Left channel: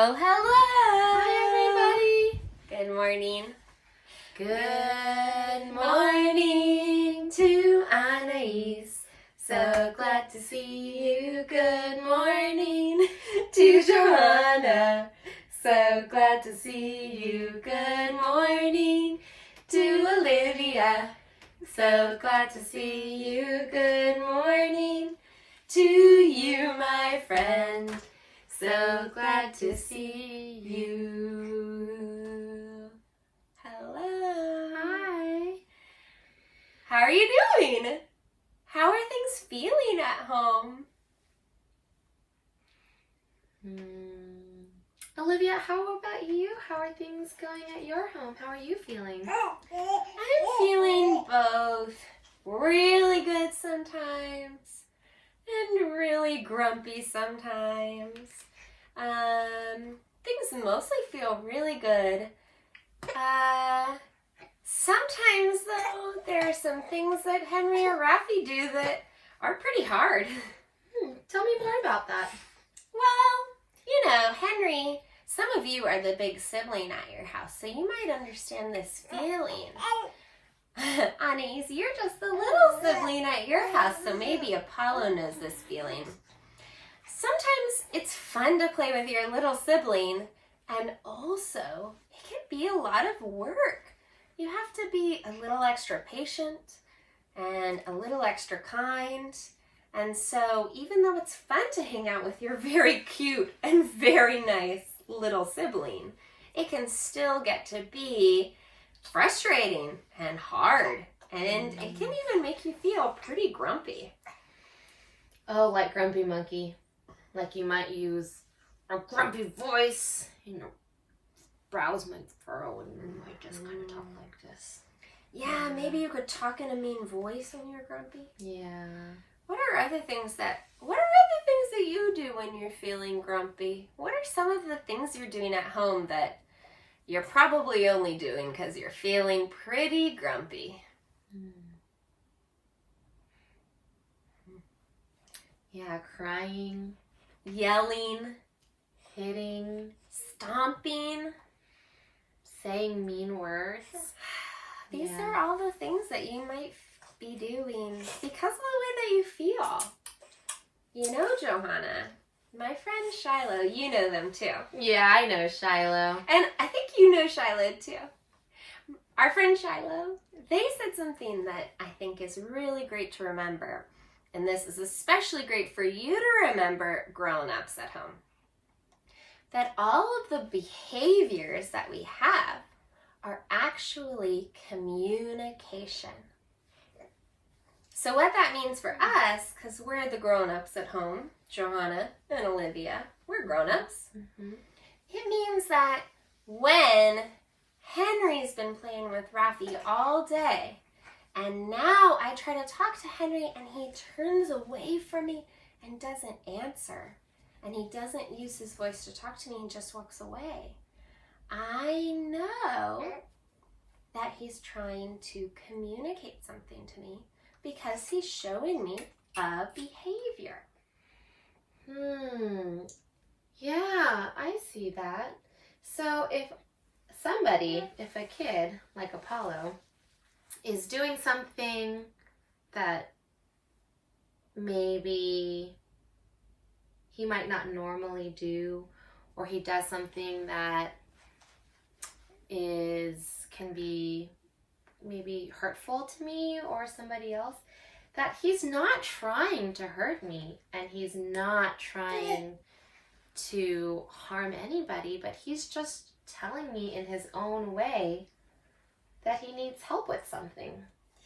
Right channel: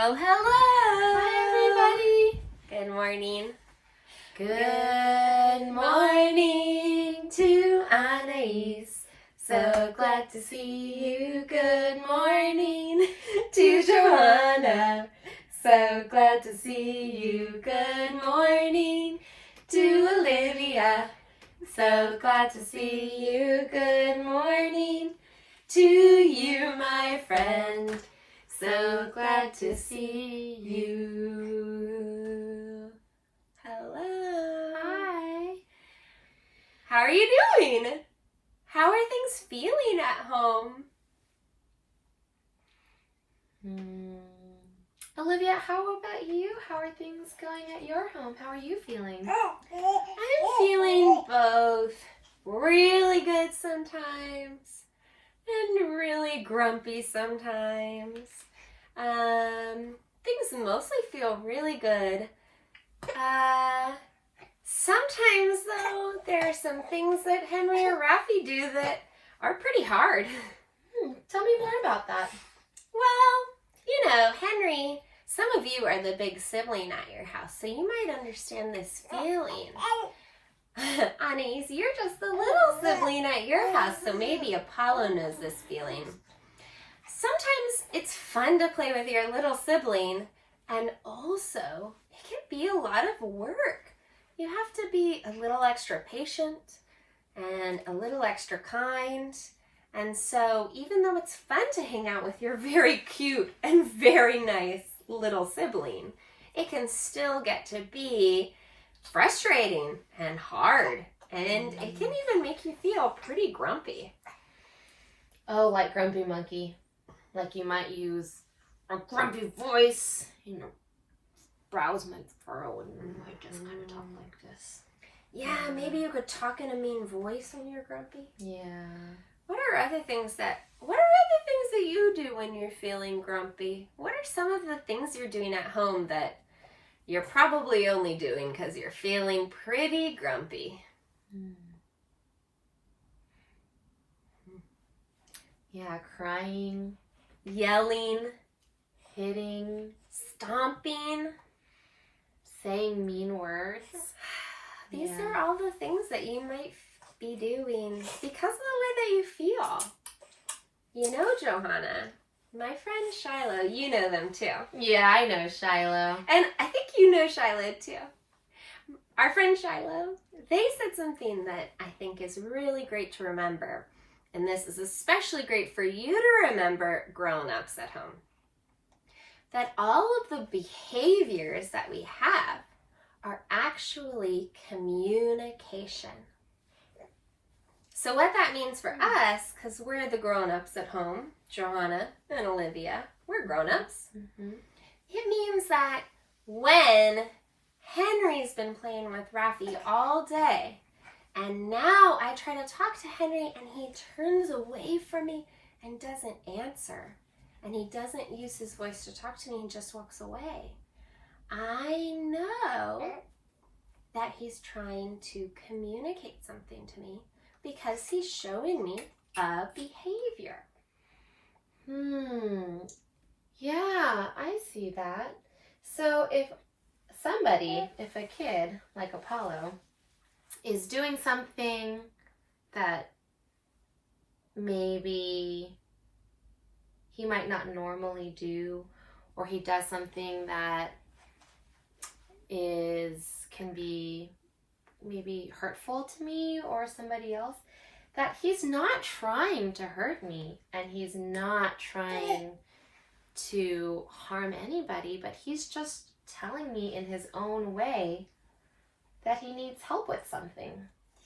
Oh, hello! Hi, everybody! Good morning. Good morning to Anais. So glad to see you. Good morning to Johanna. So glad to see you. Good morning to Olivia. So glad to see you. Good morning to you, my friend. So glad to see you. Hello. Hi. How are you doing? How are things feeling at home? Olivia, how about you? How are things going at your home? How are you feeling? I'm feeling both really good sometimes and really grumpy sometimes. Things mostly feel really good. Sometimes, though, there are some things that Henry or Rafi do that are pretty hard. Tell me more about that. Well, Henry, some of you are the big sibling at your house, so you might understand this feeling. Anais, you're just the little sibling at your house, so maybe Apollo knows this feeling. Sometimes it's fun to play with your little sibling, and also it can be a lot of work. You have to be a little extra patient and a little extra kind. And so even though it's fun to hang out with your very cute and very nice little sibling, it can still get to be frustrating and hard. And it can even make you feel pretty grumpy. Oh, like Grumpy Monkey. Like you might use a grumpy voice, brows might furrow and you might just kind of talk like this. Yeah, maybe you could talk in a mean voice when you're grumpy. Yeah. What are other things that you do when you're feeling grumpy? What are some of the things you're doing at home that you're probably only doing because you're feeling pretty grumpy? Yeah, crying, Yelling, hitting, stomping, saying mean words. These are all the things that you might be doing because of the way that you feel. You know, Johanna, my friend Shiloh, you know them too. Yeah, I know Shiloh. And I think you know Shiloh too. Our friend Shiloh, they said something that I think is really great to remember. And this is especially great for you to remember grown-ups at home. That all of the behaviors that we have are actually communication. So what that means for us, because we're the grown-ups at home, Johanna and Olivia, we're grown-ups. It means that when Henry's been playing with Rafi all day, and now I try to talk to Henry and he turns away from me and doesn't answer, and he doesn't use his voice to talk to me and just walks away, I know that he's trying to communicate something to me because he's showing me a behavior. Yeah, I see that. So if a kid like Apollo is doing something that maybe he might not normally do, or he does something that can be maybe hurtful to me or somebody else, that he's not trying to hurt me and he's not trying to harm anybody, but he's just telling me in his own way that he needs help with something.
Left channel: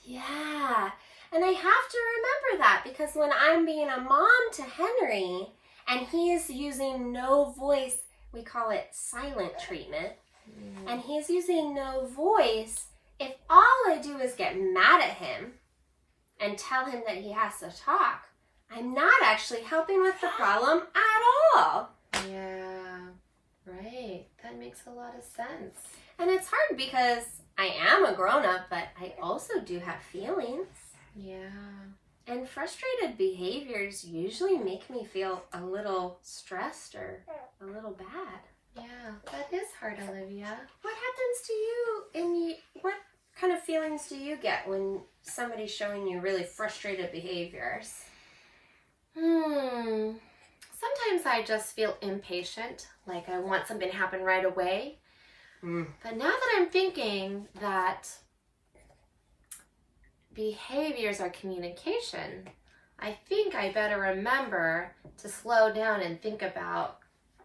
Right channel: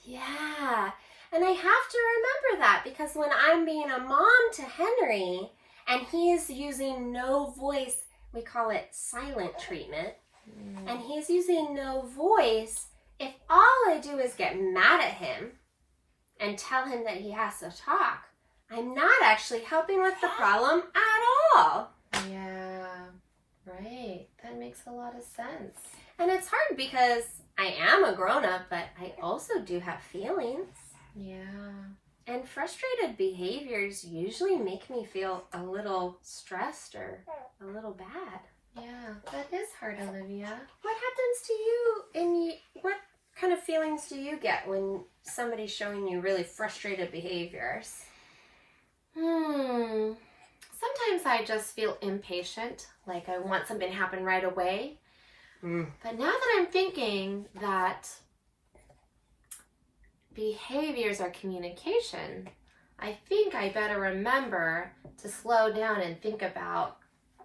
Yeah, and I have to remember that because when I'm being a mom to Henry and he's using no voice, we call it silent treatment, and he's using no voice, if all I do is get mad at him and tell him that he has to talk, I'm not actually helping with the problem at all. Yeah, right. That makes a lot of sense. And it's hard because I am a grown-up, but I also do have feelings. Yeah. And frustrated behaviors usually make me feel a little stressed or a little bad. part, Olivia. What happens to you and what kind of feelings do you get when somebody's showing you really frustrated behaviors? Sometimes I just feel impatient, like I want something to happen right away. But now that I'm thinking that behaviors are communication, I think I better remember to slow down and think about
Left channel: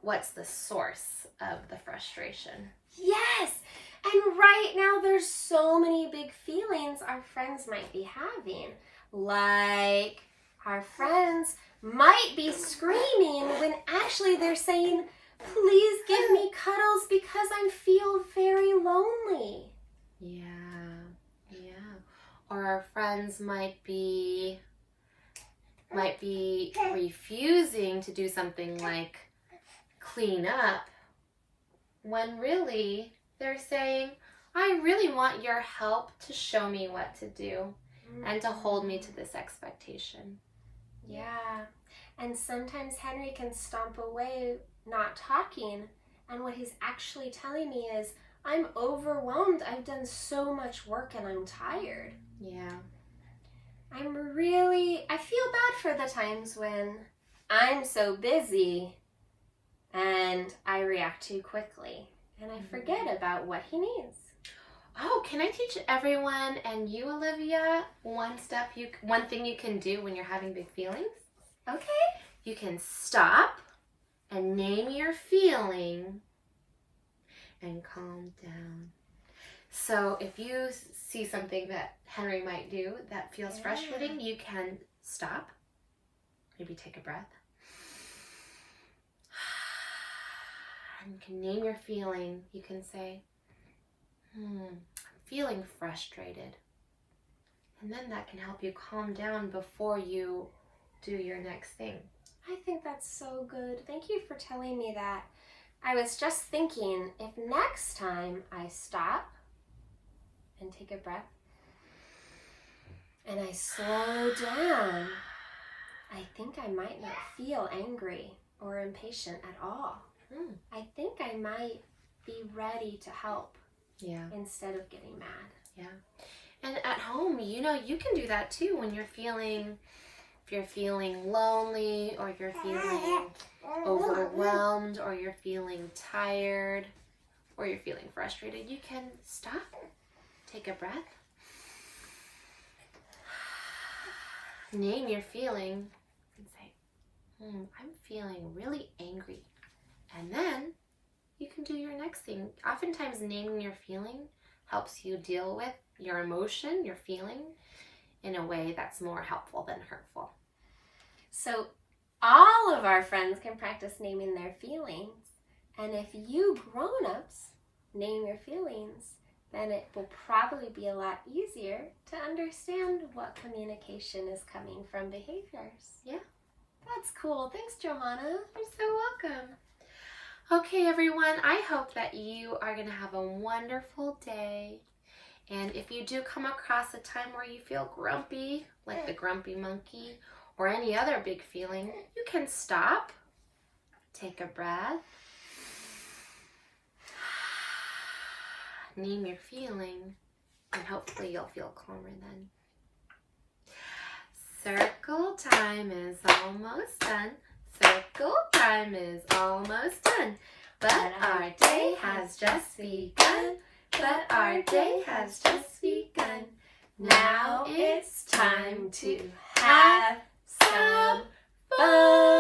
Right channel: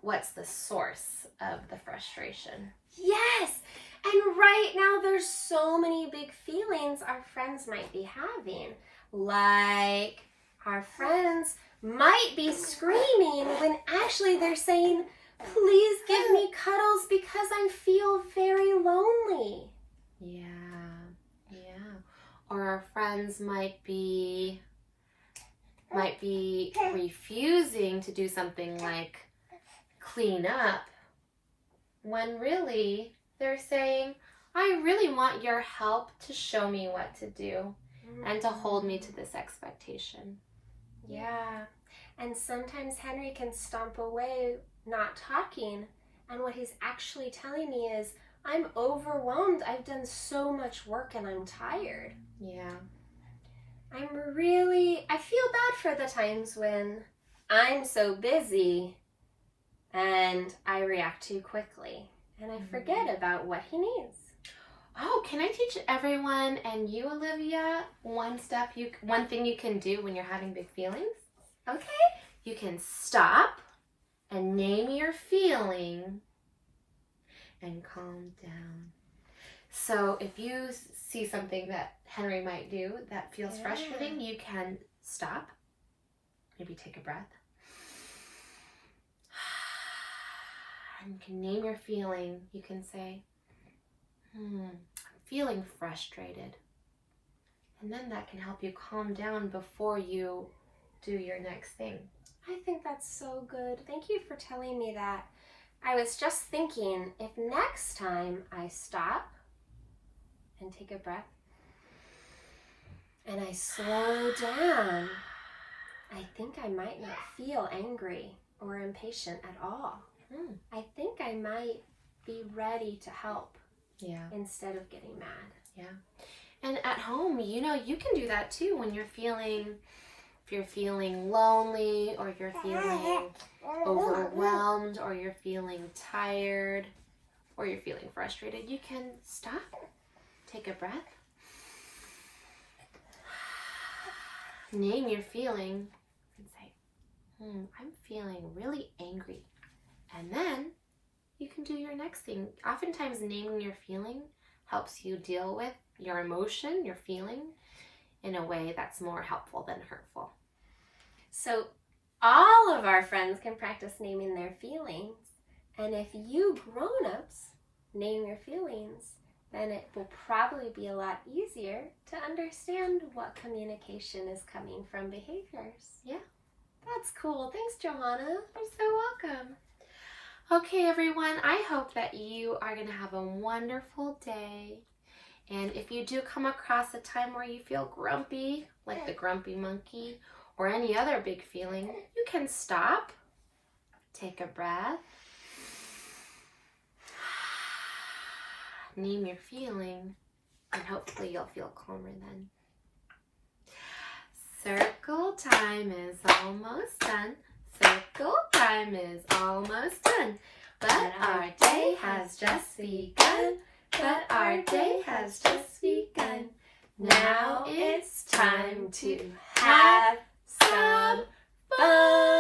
what's the source of the frustration. Yes! And right now there's so many big feelings our friends might be having. Like our friends might be screaming when actually they're saying, please give me cuddles because I feel very lonely. Yeah. Or our friends might be refusing to do something like clean up when really they're saying, I really want your help to show me what to do and to hold me to this expectation. Yeah. And sometimes Henry can stomp away not talking, and what he's actually telling me is, I'm overwhelmed. I've done so much work and I'm tired. Yeah. I feel bad for the times when I'm so busy and I react too quickly and I forget about what he needs. Oh, can I teach everyone and you, Olivia, one thing you can do when you're having big feelings? Okay. You can stop and name your feeling and calm down. So if you see something that Henry might do that feels frustrating, you can stop, maybe take a breath, and you can name your feeling. You can say, I'm feeling frustrated. And then that can help you calm down before you do your next thing. I think that's so good. Thank you for telling me that. I was just thinking, if next time I stop and take a breath and I slow down, I think I might not feel angry or impatient at all. I think I might be ready to help instead of getting mad. Yeah. And at home, you can do that too when you're feeling, if you're feeling lonely or you're feeling overwhelmed or you're feeling tired or you're feeling frustrated, you can stop, take a breath, name your feeling and say, I'm feeling really angry. And then you can do your next thing. Oftentimes naming your feeling helps you deal with your emotion, your feeling, in a way that's more helpful than hurtful. So all of our friends can practice naming their feelings. And if you grown-ups name your feelings, then it will probably be a lot easier to understand what communication is coming from behaviors. Yeah. That's cool. Thanks, Johanna. You're so welcome. Okay, everyone, I hope that you are going to have a wonderful day. And if you do come across a time where you feel grumpy, like the grumpy monkey, or any other big feeling, you can stop, take a breath, name your feeling, and hopefully you'll feel calmer then. Circle time is almost done. Circle time is almost done. But our day has just begun. But our day has just begun. Now it's time to have some fun.